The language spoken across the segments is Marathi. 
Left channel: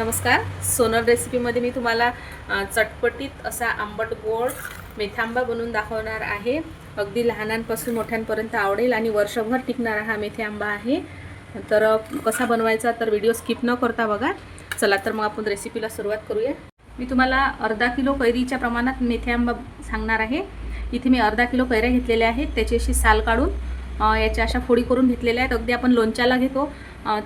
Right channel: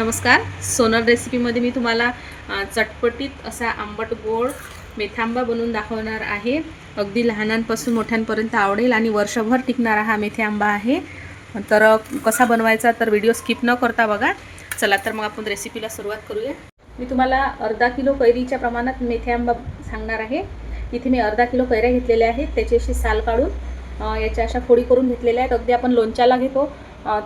नमस्कार. सोनल रेसिपीमध्ये मी तुम्हाला चटपटीत असा आंबट गोड मेथी बनवून दाखवणार आहे. अगदी लहानांपासून मोठ्यांपर्यंत आवडेल आणि वर्षभर टिकणारा हा मेथी आंबा आहे. तर कसा बनवायचा तर व्हिडिओ स्किप न करता बघा. चला तर मग आपण रेसिपीला सुरुवात करूया. मी तुम्हाला अर्धा किलो कैरीच्या प्रमाणात मेथी आंबा सांगणार आहे. इथे मी अर्धा किलो कैऱ्या घेतलेल्या आहेत. त्याची अशी साल काढून याच्या अशा फोडी करून घेतलेल्या आहेत. अगदी आपण लोणच्याला घेतो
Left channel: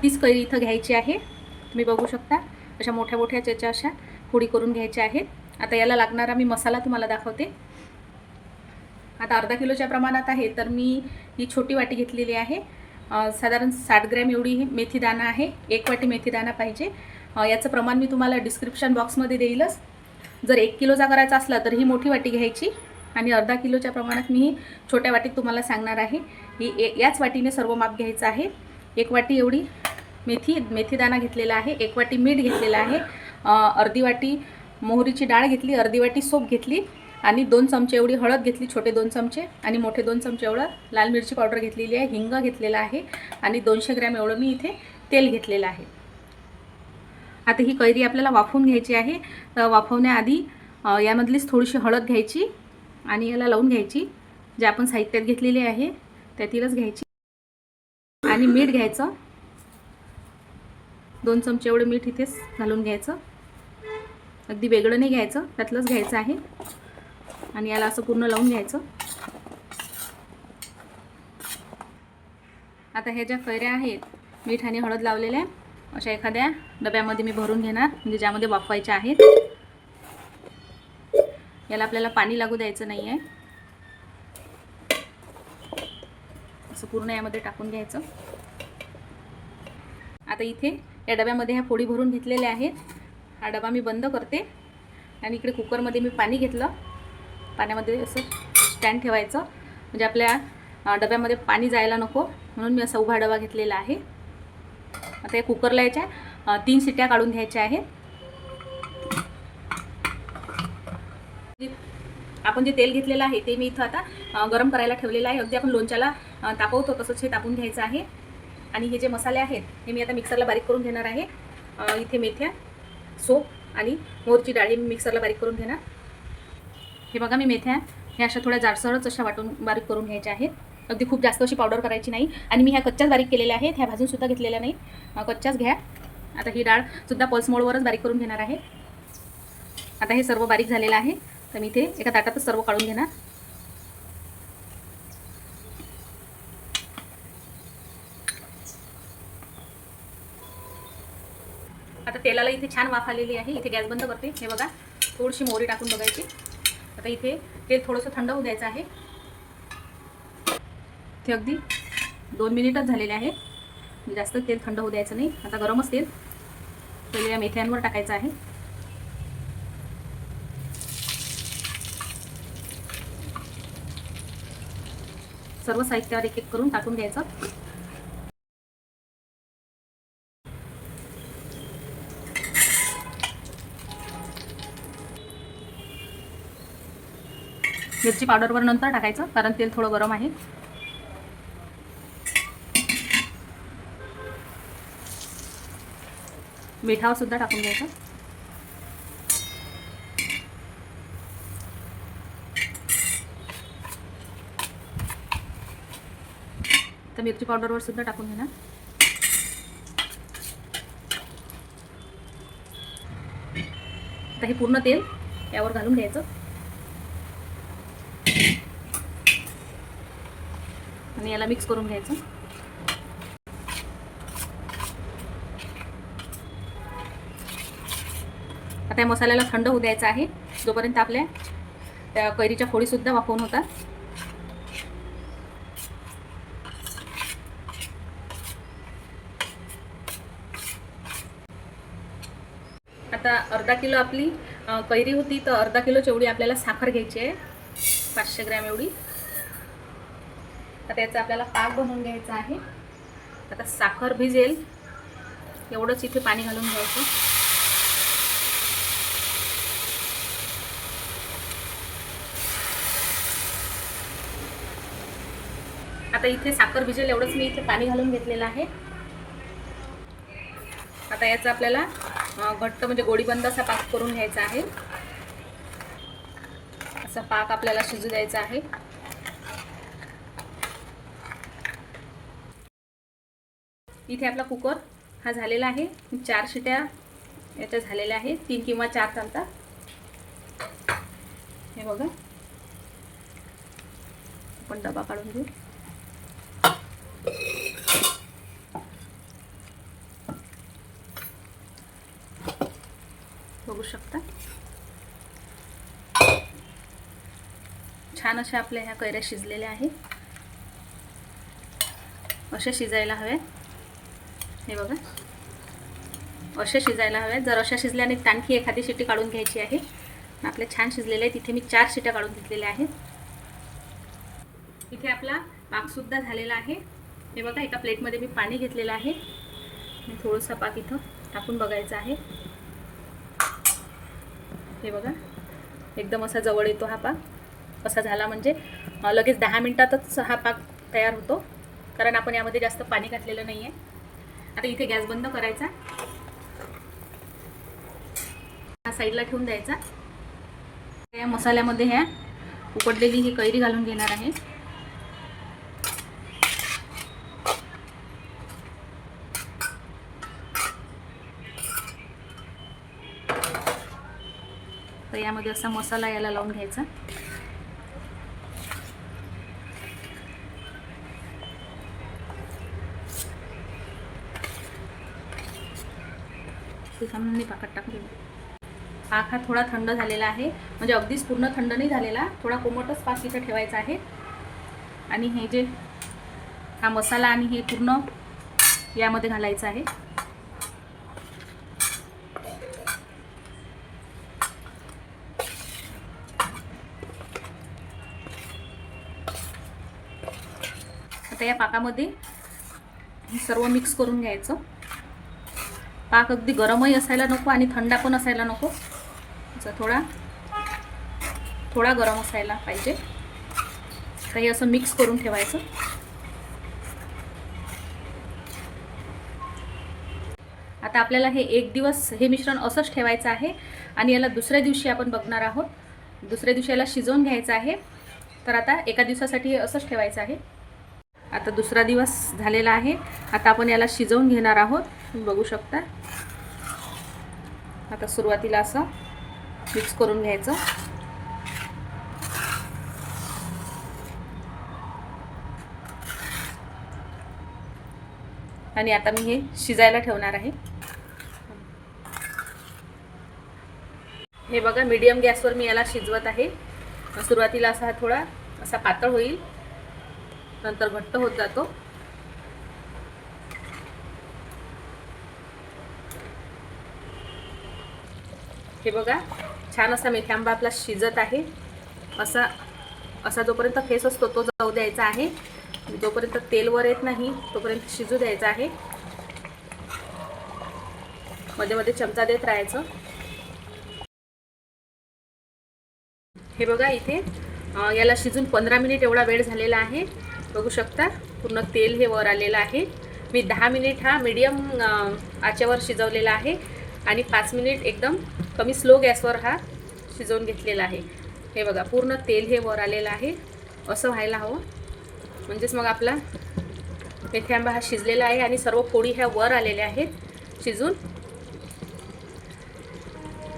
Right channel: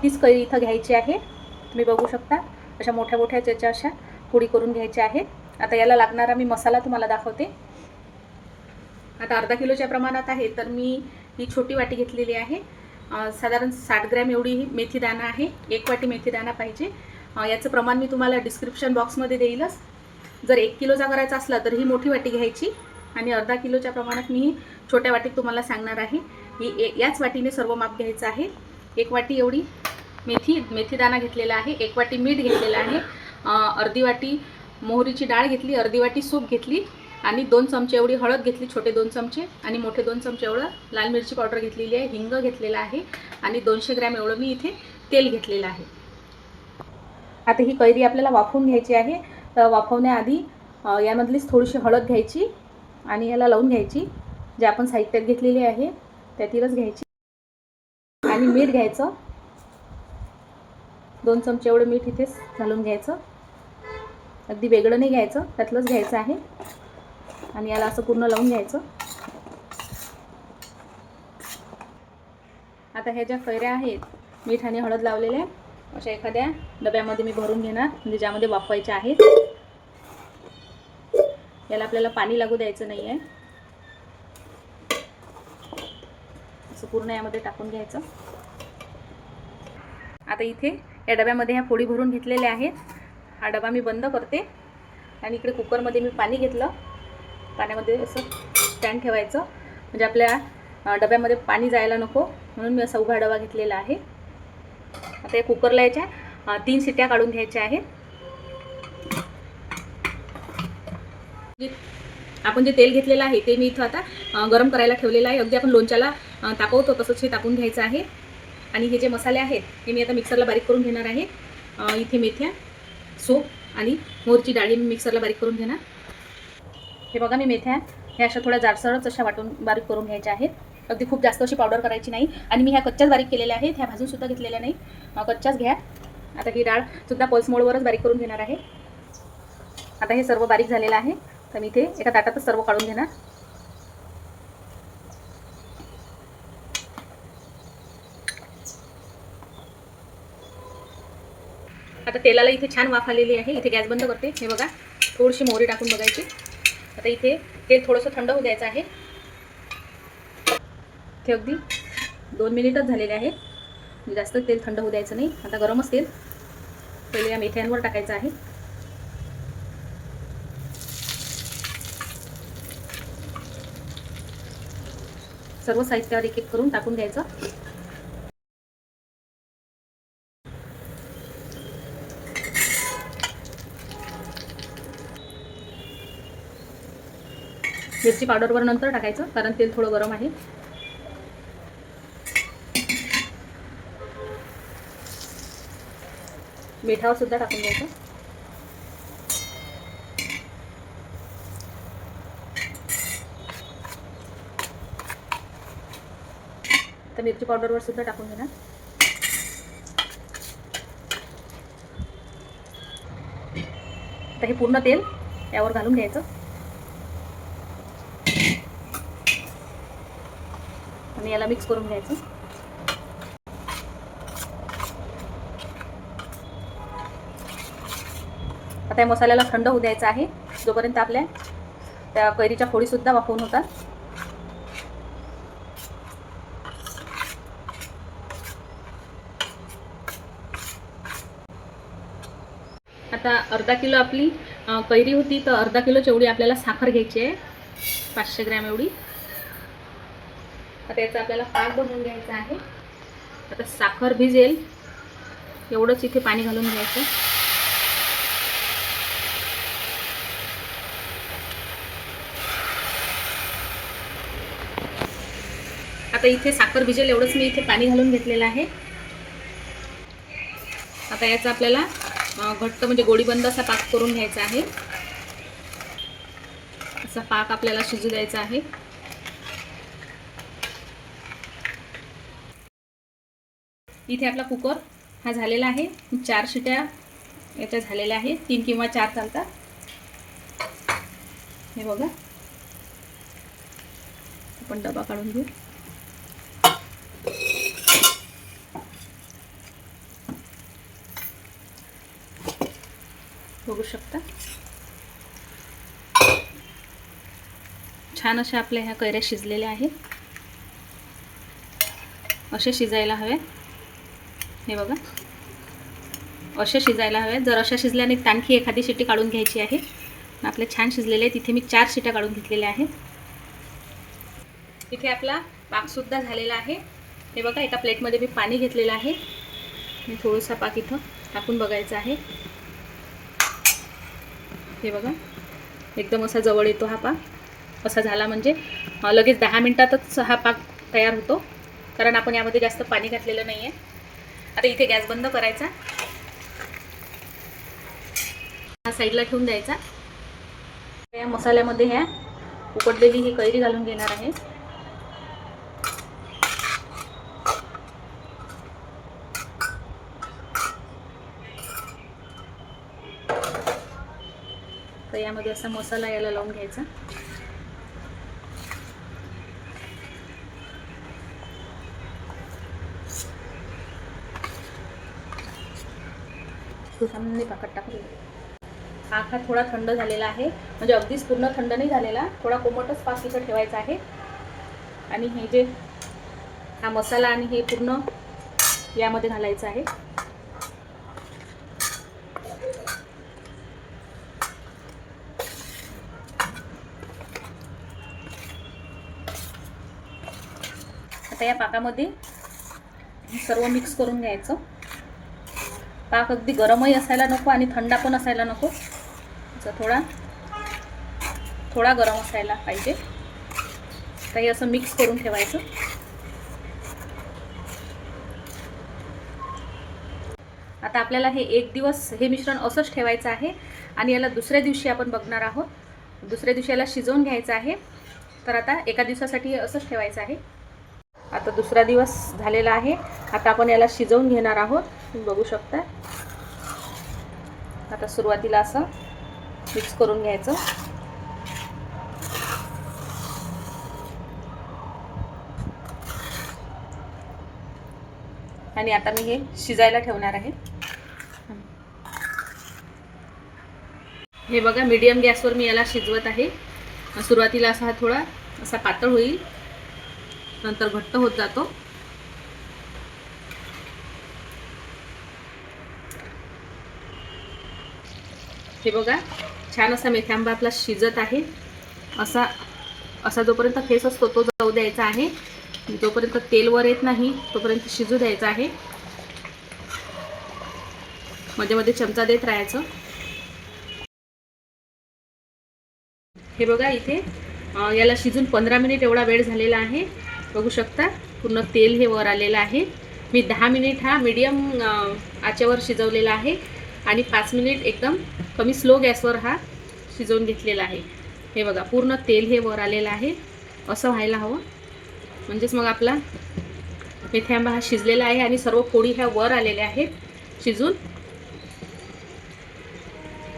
तीच कैरी इथं घ्यायची आहे. तुम्ही बघू शकता अशा मोठ्या मोठ्या त्याच्या अशा फोडी करून घ्यायच्या आहेत. आता याला लागणारा मी मसाला तुम्हाला दाखवते. आता अर्धा किलोच्या प्रमाणात आहे तर मी ही छोटी वाटी घेतलेली आहे. साधारण 60 ग्रॅम एवढी ही मेथी दाणा आहे. 1 वाटी मेथी दाणा पाहिजे. याचं प्रमाण मी तुम्हाला डिस्क्रिप्शन बॉक्समध्ये देईलच. जर 1 किलोचा करायचा असला तर ही मोठी वाटी घ्यायची आणि अर्धा किलोच्या प्रमाणात मी ही छोट्या वाटीत तुम्हाला सांगणार आहे. ही याच वाटीने सर्व माप घ्यायचं आहे. 1 वाटी एवढी मेथी दाणा घेतलेला आहे. 1 वाटी मीठ घेतलेला आहे. अर्धी वाटी मोहरीची डाळ घेतली. अर्धी वाटी सोप घेतली आणि 2 चमचे एवढी हळद घेतली, छोटे 2 चमचे, आणि मोठे 2 चमचे एवढं लाल मिरची पावडर घेतलेली आहे. हिंग घेतलेला आहे आणि 200 ग्रॅम एवढं मी इथे तेल घेतलेलं आहे. आता ही कैरी आपल्याला वाफवून घ्यायची आहे. तर वाफवण्याआधी यामधलीच थोडीशी हळद घ्यायची आणि याला लावून घ्यायची. जे आपण साहित्यात घेतलेली आहे त्यातीलच घ्यायची आणि मीठ घ्यायचं. 2 चमचे एवढं मीठ इथेच घालून घ्यायचं. अगदी वेगळं नाही घ्यायचं, त्यातलंच घ्यायचं आहे आणि याला असं पूर्ण लावून घ्यायचं. आता ह्या ज्या कैऱ्या आहेत मीठ आणि हळद लावलेल्या अशा एखाद्या डब्यामध्ये मी भरून घेणार, म्हणजे ज्यामध्ये वाफवायच्या आहेत. याला आपल्याला पाणी लागू द्यायचं नाही आहे. असं पूर्ण यामध्ये टाकून घ्यायचं. आता इथे या डब्यामध्ये ह्या फोडी भरून घेतलेल्या आहेत. हा डबा मी बंद करते आणि इकडे कुकरमध्ये मी पाणी घेतलं. पाण्यामध्ये असं स्टँड ठेवायचं, म्हणजे आपल्या डब्यामध्ये पाणी जायला नको म्हणून मी असा उभा डबा घेतलेला आहे. आता या कुकरला याच्या 3 शिट्ट्या काढून घ्यायच्या आहेत. आपण जे तेल घेतलेलं आहे ते मी इथं आता गरम करायला ठेवलेलं आहे. अगदी आपण लोणच्याला तापवतो तसंच हे तापून घ्यायचं आहे. आणि हे जे मसाले आहेत हे मी आता मिक्सरला बारीक करून घेणार आहे. इथे मेथ्या, सोप आणि मोहरीची डाळी मी मिक्सरला बारीक करून घेणार. हे बघा, मी मेथ्या ह्या अशा थोड्या जाडसरच अशा वाटून बारीक करून घ्यायच्या आहेत. अगदी खूप जास्त अशी पावडर करायची नाही. आणि मी ह्या कच्च्याच बारीक केलेल्या आहेत. ह्या भाजूनसुद्धा घेतलेल्या नाही, कच्च्याच घ्या. आता ही डाळसुद्धा पल्स मोडवरच बारीक करून घेणार आहे. आता हे सर्व बारीक झालेलं आहे तर मी इथे एका ताटातच सर्व काढून घेणार. आता तेलाला इथे छान वाफ आलेली आहे. इथे गॅस बंद करते. हे बघा, थोडीशी मोहरी टाकून बघायची. आता इथे तेल थोडंसं थंड होऊ द्यायचं आहे. ते अगदी 2 मिनिटच झालेले आहे, जास्त तेल थंड होऊ द्यायचं नाही. आता गरमच तेल या मेथ्यांवर टाकायचं आहे. सर्व साहित्यावर एक एक करून टाकून घ्यायचं. मिरची पावडरवर नंतर टाकायचं कारण तेल थोडं गरम आहे. मिठावर सुद्धा टाकून घ्यायचं. तर मिरची पावडरवर सुद्धा टाकून घेणार. आता हे पूर्ण तेल त्यावर घालून घ्यायचं आणि याला मिक्स करून घ्यायचं. आता या मसाल्याला थंड होऊ द्यायचा आहे जोपर्यंत आपल्या त्या कैरीच्या फोडीसुद्धा वाफवून होतात. आता अर्धा किलो आपली कैरी होती तर अर्धा किलोची एवढी आपल्याला साखर घ्यायची आहे, 500 ग्रॅम एवढी. आता याचा आपल्याला पाक बनवून घ्यायचा आहे. आता साखर भिजेल एवढंच इथे पाणी घालून घ्यायचं. आता इथे साखर भिजेल एवढंच मी इथे पाणी घालून घेतलेलं आहे. आता याचा आपल्याला घट्ट म्हणजे गोळीबंद असा पाक करून घ्यायचा आहे. असा पाक आपल्याला शिजू द्यायचा आहे. इथे आपला कुकर हा झालेला आहे. 4 शिट्या याच्या झालेल्या आहे. 3 किंवा 4 चालतात. हे बघा, आपण डबा काढून घेऊ. बघू शकता छान अशा आपल्या ह्या कैऱ्या शिजलेल्या आहेत. असे शिजायला हवे. हे बघा, असे शिजायला हवे. जर अशा शिजल्याने आणखी एखादी शिट्टी काढून घ्यायची आहे. आपले छान शिजलेले आहेत. इथे मी 4 शिट्या काढून घेतलेल्या आहेत. इथे आपला पाकसुद्धा झालेला आहे. हे बघा, एका प्लेटमध्ये मी पाणी घेतलेलं आहे. मी थोडासा पाक इथं टाकून बघायचा आहे. हे बघा, एकदम असा जवळ येतो हा पाक. असा झाला म्हणजे लगेच 10 मिनिटातच हा पाक तयार होतो, कारण आपण यामध्ये जास्त पाणी घातलेलं नाही आहे. आता इथे गॅस बंद करायचा. हा साईडला ठेवून द्यायचा. या मसाल्यामध्ये ह्या उकडलेली ही कैरी घालून घेणार आहे. तर यामध्ये असा मसाला याला लावून घ्यायचा. सुहामने पाकात टाकून पाक हा थोडा थंड झालेला आहे, म्हणजे अगदीच पूर्ण थंड नाही झालेला. थोडा कोमटच पाक इथं ठेवायचा आहे. आणि हे जे हा मसाला आणि हे पूर्ण यामध्ये घालायचं आहे. आता या पाकामध्ये सर्व मिक्स करून घ्यायचं. पाक अगदी गरमही असायला नको आणि थंडा पण असायला नको. थोडा गरम असायला पाहिजे. काही असं मिक्स करून ठेवायचं. आता आपल्याला हे 1 दिवस हे मिश्रण असंच ठेवायचं आहे आणि याला दुसऱ्या दिवशी आपण बघणार आहोत. दुसऱ्या दिवशी याला शिजवून घ्यायचं आहे. तर आता एका दिवसासाठी हे असंच ठेवायचं आहे. आता दुसरा दिवस झालेला आहे. आता आपण याला शिजवून घेणार आहोत. तुम्ही बघू शकता. आता सुरुवातीला असं मिक्स करून घ्यायचं. आणि आता मी हे शिजायला ठेवणार आहे. हे बघा, मीडियम गॅसवर मी याला शिजवत आहे. सुरुवातीला असा थोडा असा पातळ होईल, नंतर घट्ट होत जातो. हे बघा, छान असा मेथी आंबा आपला शिजत आहे. असा जोपर्यंत फेस असतो तो जाऊ द्यायचा आहे. जोपर्यंत तेल वर येत नाही तोपर्यंत शिजू द्यायचा आहे. मध्ये मध्ये चमचा देत राहायचं. हे बघा, इथे याला शिजून 15 मिनिट एवढा वेळ झालेला आहे. बघू शकता, पूर्ण तेल हे वर आलेलं आहे. मी 10 मिनिट हा मीडियम आचेवर शिजवलेला आहे आणि 5 मिनिट एकदम कमी स्लो गॅसवर हा शिजवून घेतलेला आहे. हे बघा, पूर्ण तेल हे वर आलेलं आहे. असं व्हायला हवं, म्हणजेच मग आपला मेथी आंबा हा शिजलेला आहे आणि सर्व फोडी ह्या वर आलेल्या आहेत शिजून.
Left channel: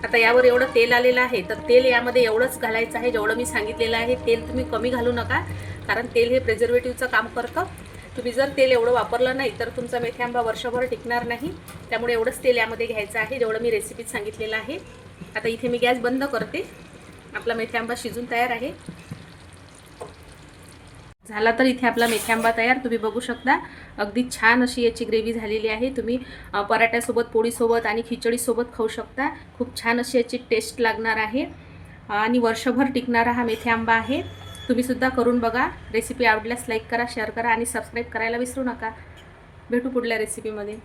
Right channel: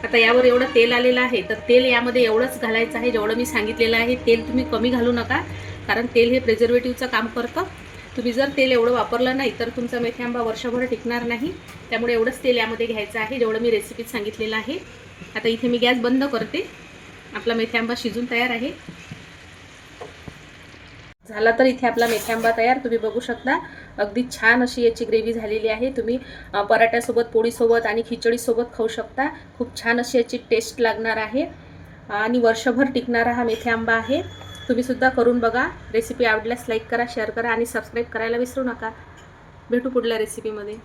आता यावर एवढं तेल आलेलं आहे, तर तेल यामध्ये एवढंच घालायचं आहे जेवढं मी सांगितलेलं आहे. तेल तुम्ही कमी घालू नका, कारण तेल हे प्रिझर्वेटिव्हचं काम करतं. तुम्ही जर तेल एवढं वापरलं नाही तर तुमचा मेथी आंबा वर्षभर टिकणार नाही. त्यामुळे एवढंच तेल यामध्ये घ्यायचं आहे जेवढं मी रेसिपीत सांगितलेलं आहे. आता इथे मी गॅस बंद करते. आपला मेथी आंबा शिजून तयार आहे. झाला तर इथे आपला मेथी आंबा तयार. तुम्ही बघू शकता, अगदी छान अशी याची ग्रेव्ही झालेली आहे. तुम्ही पराठ्यासोबत, पोळीसोबत आणि खिचडीसोबत खाऊ शकता. खूप छान अशी याची टेस्ट लागणार आहे आणि वर्षभर टिकणारा हा मेथी आंबा आहे. तुम्ही सुद्धा करून बघा. रेसिपी आवडल्यास लाईक करा, शेअर करा आणि सबस्क्राईब करायला विसरू नका. भेटू पुढल्या रेसिपीमध्ये.